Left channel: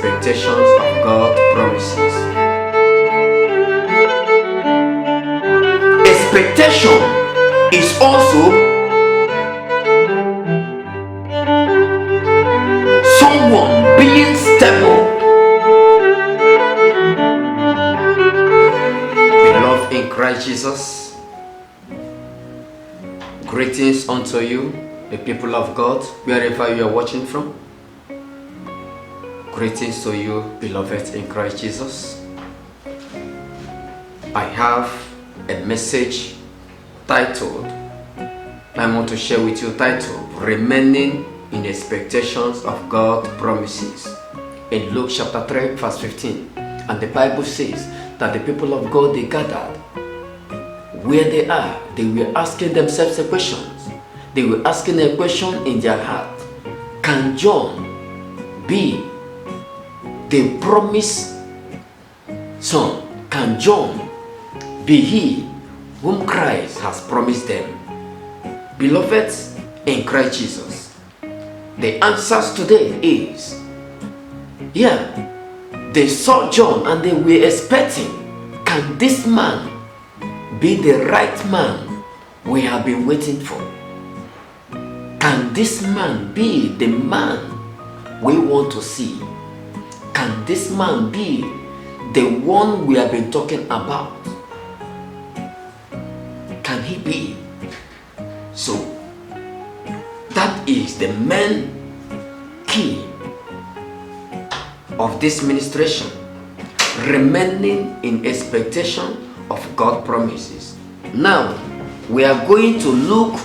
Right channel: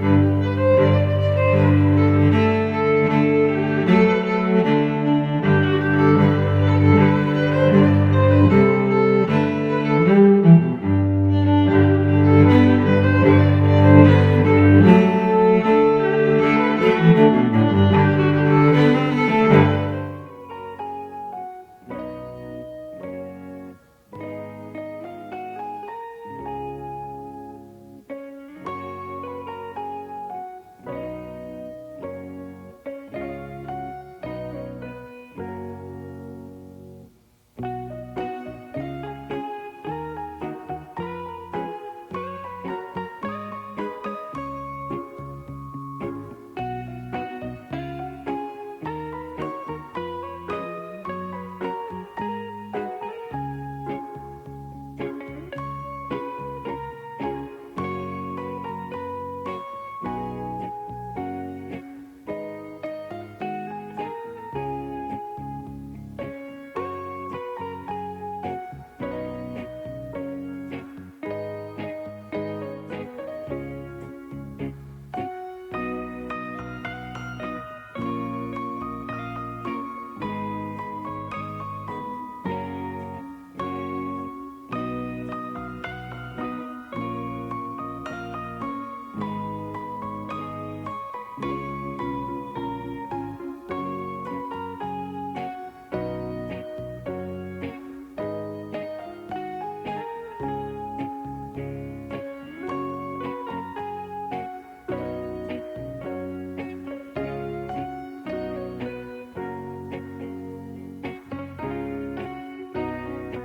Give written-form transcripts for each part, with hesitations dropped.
expectations of God's promises. Expectation is also someone being stable. Beloved in Christ Jesus, greetings unto you, the people of God, wherever you are watching from. Greetings to you, beloved in Christ Jesus. I have a message titled, I want to share with you, titled, Remaining in Expectations of God's Promises. In Luke chapter 3 verse 15. And the Bible says that the people of God, they gathered. Where they are, they were asking themselves a question. They were asking a question in their heart. Can John be the promised son? Can John be he whom Christ has promised them? Beloved in Christ Jesus, the answers today is, they saw John and they were expecting, can this man be the right man we have been waiting for? Can this man be the man we want to see? Can this man be the one we have been talking about? Can he be? So, that is the main key of this ministration. Remaining in expectation of God's promises. Now, we are going to look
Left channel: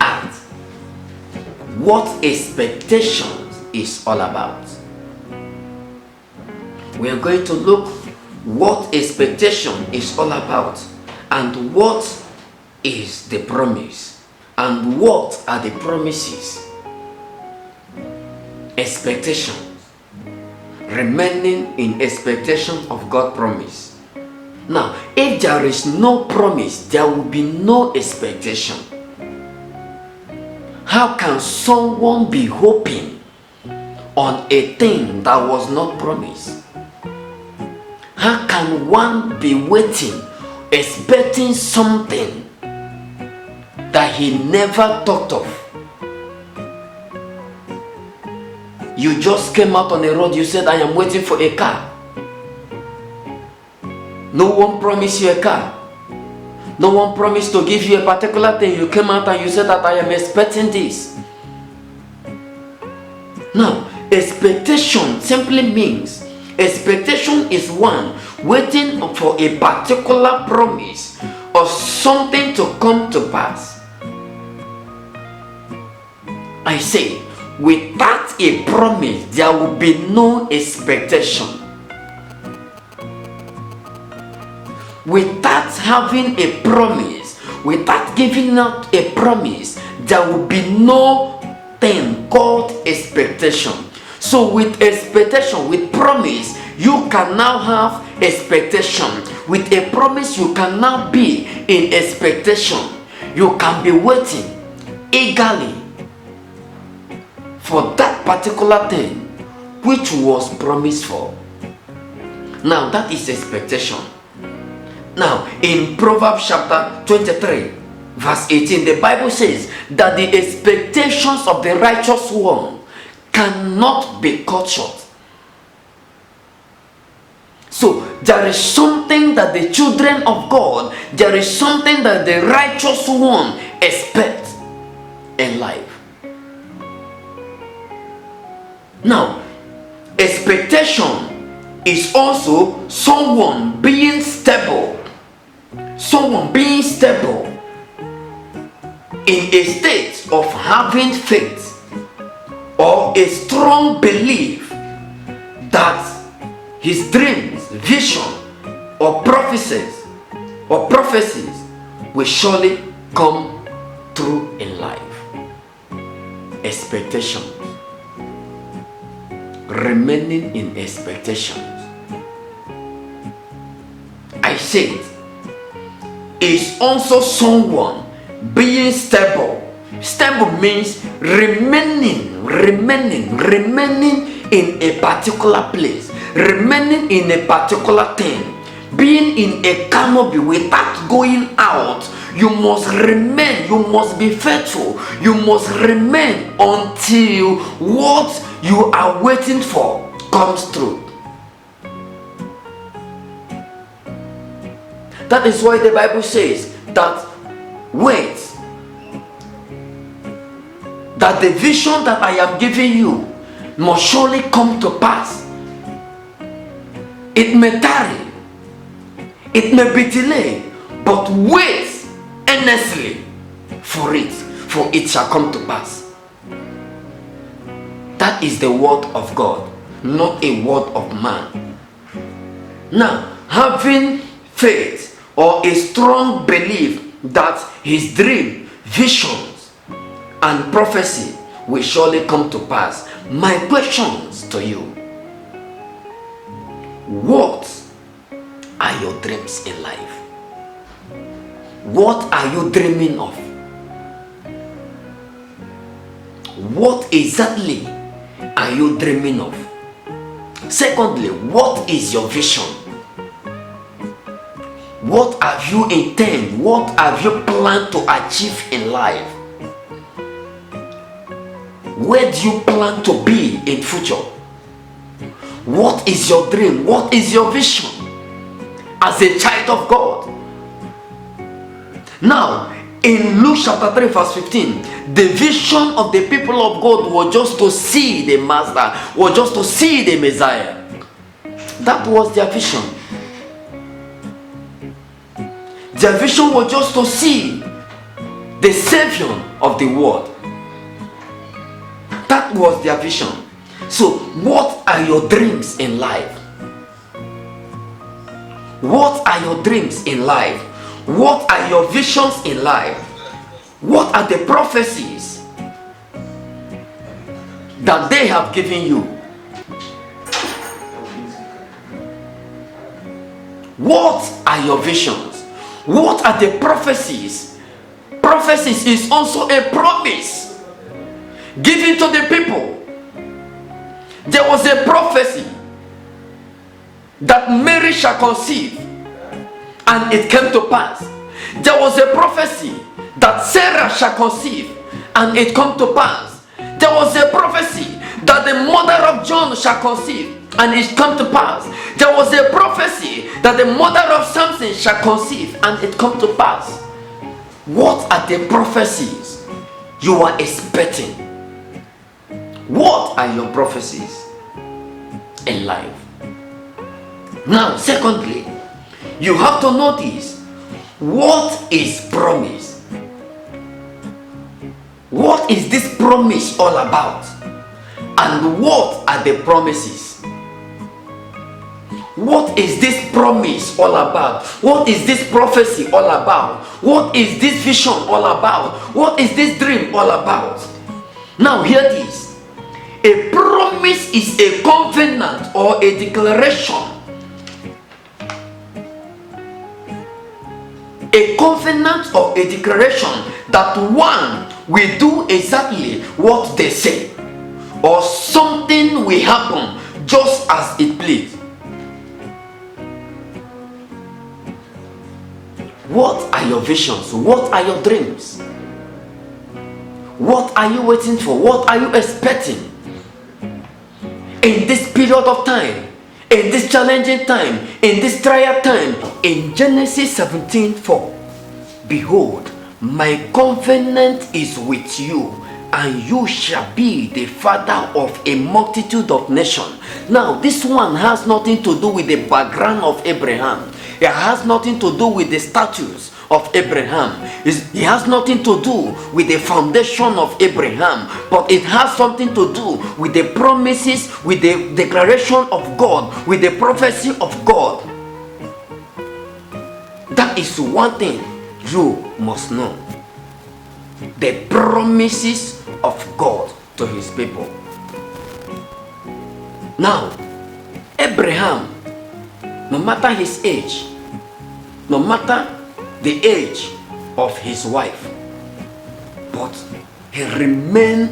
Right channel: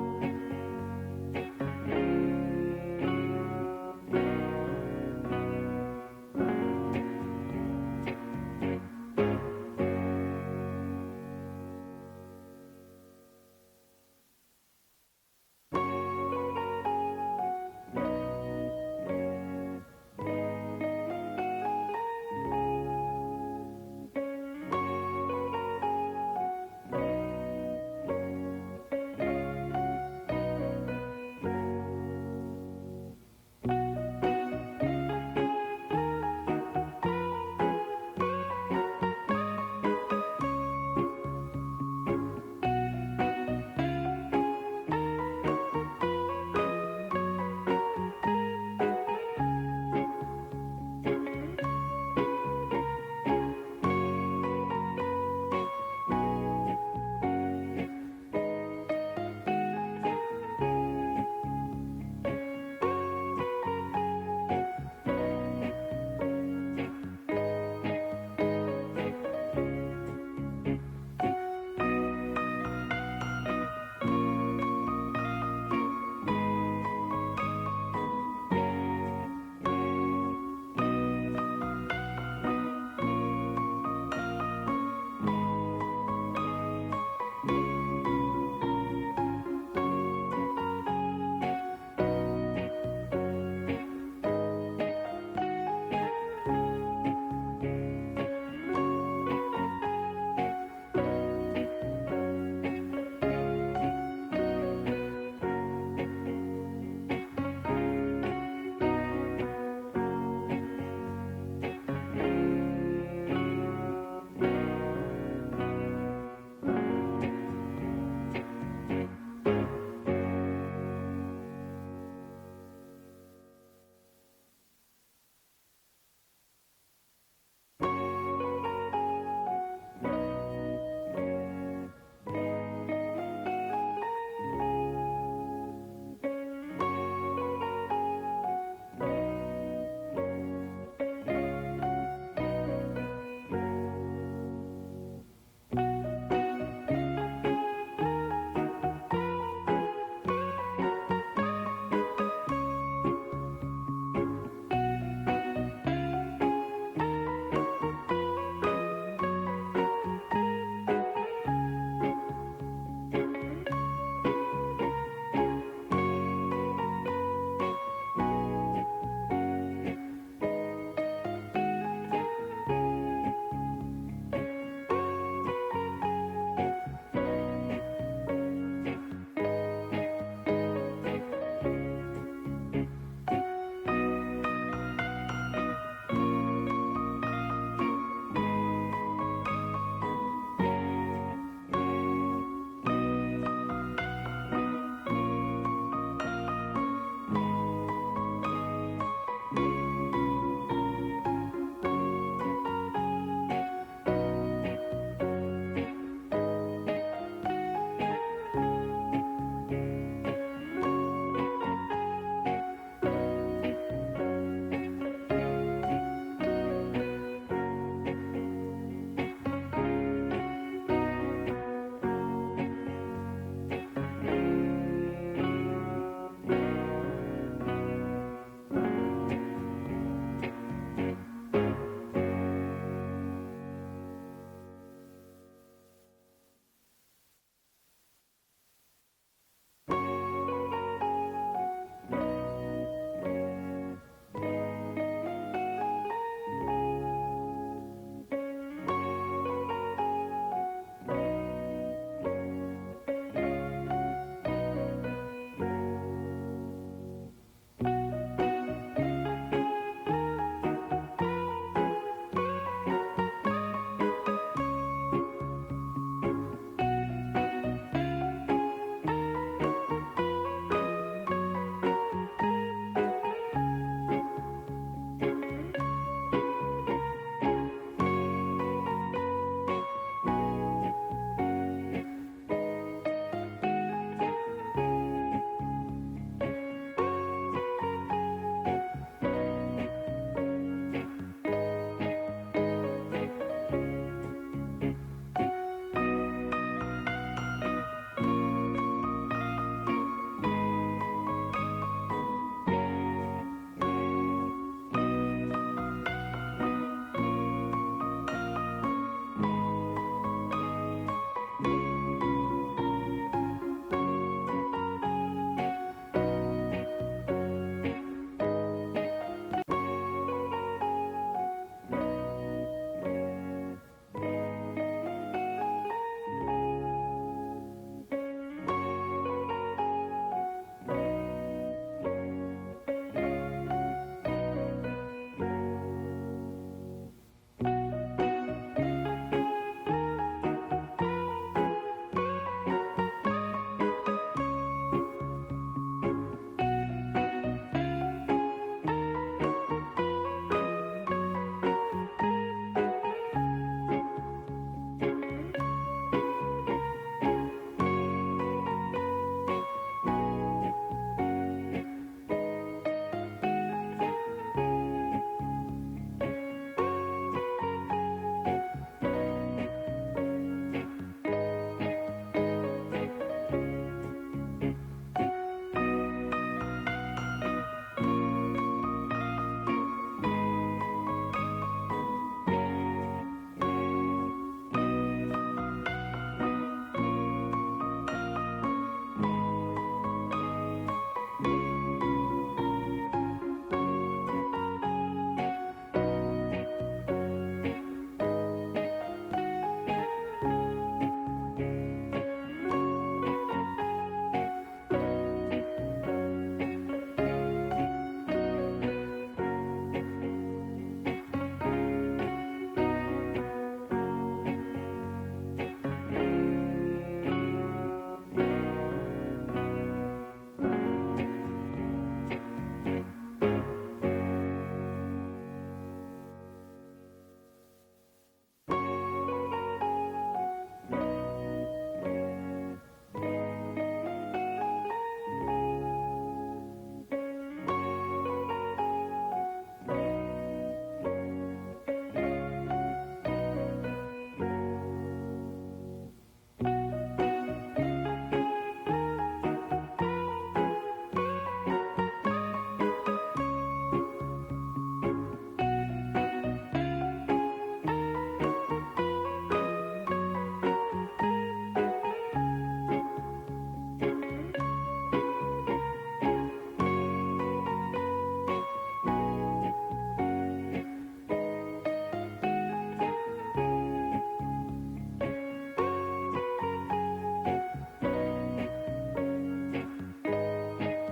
at what expectation is all about. We are going to look what expectation is all about, and what is the promise, and what are the promises. Expectation. Remaining in expectation of God's promise. Now, if there is no promise, there will be no expectation. How can someone be hoping on a thing that was not promised? How can one be waiting, expecting something that he never thought of? You just came out on the road, you said, I am waiting for a car. No one promised you a car. No one promised to give you a particular thing. You came out and you said that I am expecting this. Now, expectation simply means, expectation is one waiting for a particular promise or something to come to pass. I say, without a promise, there will be no expectation. Without having a promise, without giving out a promise, there will be no thing called expectation. So with expectation, with promise, you can now have expectation. With a promise, you can now be in expectation. You can be waiting eagerly for that particular thing which was promised for. Now that is expectation. Now in Proverbs chapter 23 verse 18, the Bible says that the expectations of the righteous one cannot be cut short. So there is something that the children of God, there is something that the righteous one expects in life. Now, expectation is also someone being stable. Someone being stable in a state of having faith or a strong belief that his dreams, vision, or prophecies will surely come true in life. Expectation. Remaining in expectations. I said, is also someone being stable. Stable means remaining in a particular place, remaining in a particular thing, being in a canopy without going out. You must remain, you must be faithful, you must remain until what you are waiting for comes through. That is why the Bible says that wait, that the vision that I am giving you must surely come to pass. It may tarry, it may be delayed, but wait earnestly for it shall come to pass. That is the word of God, not a word of man. Now, having faith or a strong belief that his dream, visions, and prophecy will surely come to pass. My questions to you: what are your dreams in life? What are you dreaming of? What exactly are you dreaming of? Secondly, what is your vision? What have you intended? What have you planned to achieve in life? Where do you plan to be in future? What is your dream? What is your vision as a child of God? Now, in Luke chapter 3 verse 15, the vision of the people of God was just to see the Master, was just to see the Messiah. That was their vision. Their vision was just to see the Savior of the world. That was their vision. So, what are your dreams in life? What are your dreams in life? What are your visions in life? What are the prophecies that they have given you? What are your visions? What are the prophecies? Prophecies is also a promise given to the people. There was a prophecy that Mary shall conceive, and it came to pass. There was a prophecy that Sarah shall conceive, and it come to pass. There was a prophecy that the mother of John shall conceive, and it come to pass. There was a prophecy that the mother of Samson shall conceive, and it come to pass. What are the prophecies you are expecting? What are your prophecies in life? Now, secondly, you have to notice what is promise. What is this promise all about? And what are the promises? What is this promise all about? What is this prophecy all about? What is this vision all about? What is this dream all about? Now, hear this. A promise is a covenant or a declaration. A covenant or a declaration that one will do exactly what they say, or something will happen just as it please. What are your visions? What are your dreams? What are you waiting for? What are you expecting in this period of time, in this challenging time, in this trial time? In Genesis 17:4, behold, my covenant is with you, and you shall be the father of a multitude of nations. Now, this one has nothing to do with the background of Abraham. It has nothing to do with the status of Abraham. It has nothing to do with the foundation of Abraham, but it has something to do with the promises, with the declaration of God, with the prophecy of God. That is one thing you must know. The promises of God to his people. Now, Abraham, no matter his age, no matter the age of his wife, but he remained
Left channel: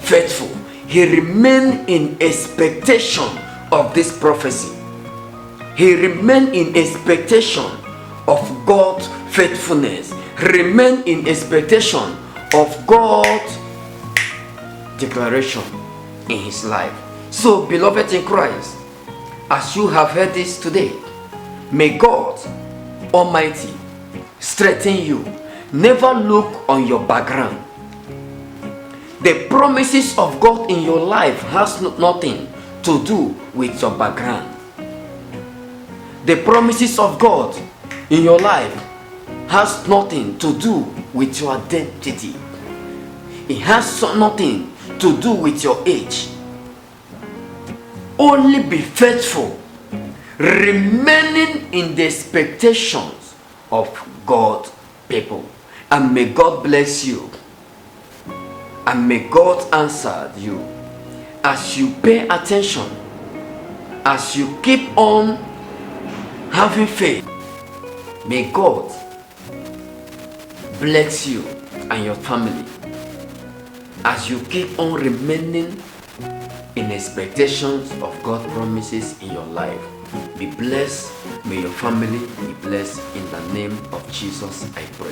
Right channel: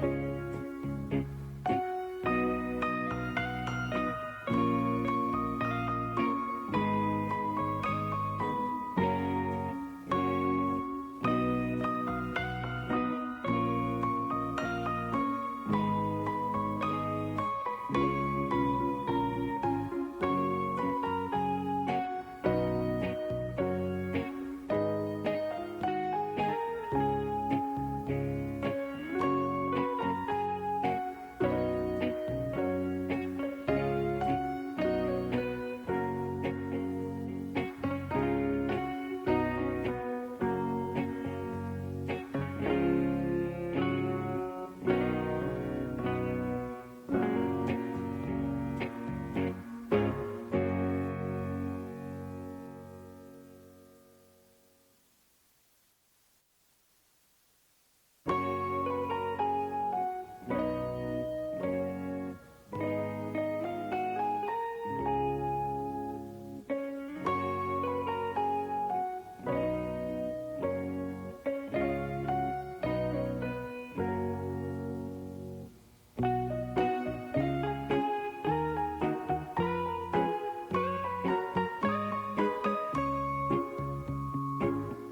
faithful. he remained in expectation of this prophecy. He remained in expectation of God's faithfulness. He remained in expectation of God's declaration in his life. So, beloved in Christ, as you have heard this today, may God Almighty strengthen you. Never look on your background. The promises of God in your life has nothing to do with your background. The promises of God in your life has nothing to do with your identity. It has nothing to do with your age. Only be faithful, remaining in the expectations of God's people. And may God bless you. And may God answer you as you pay attention, as you keep on having faith. May God bless you and your family as you keep on remaining in expectations of God's promises in your life. Be blessed. May your family be blessed in the name of Jesus, I pray.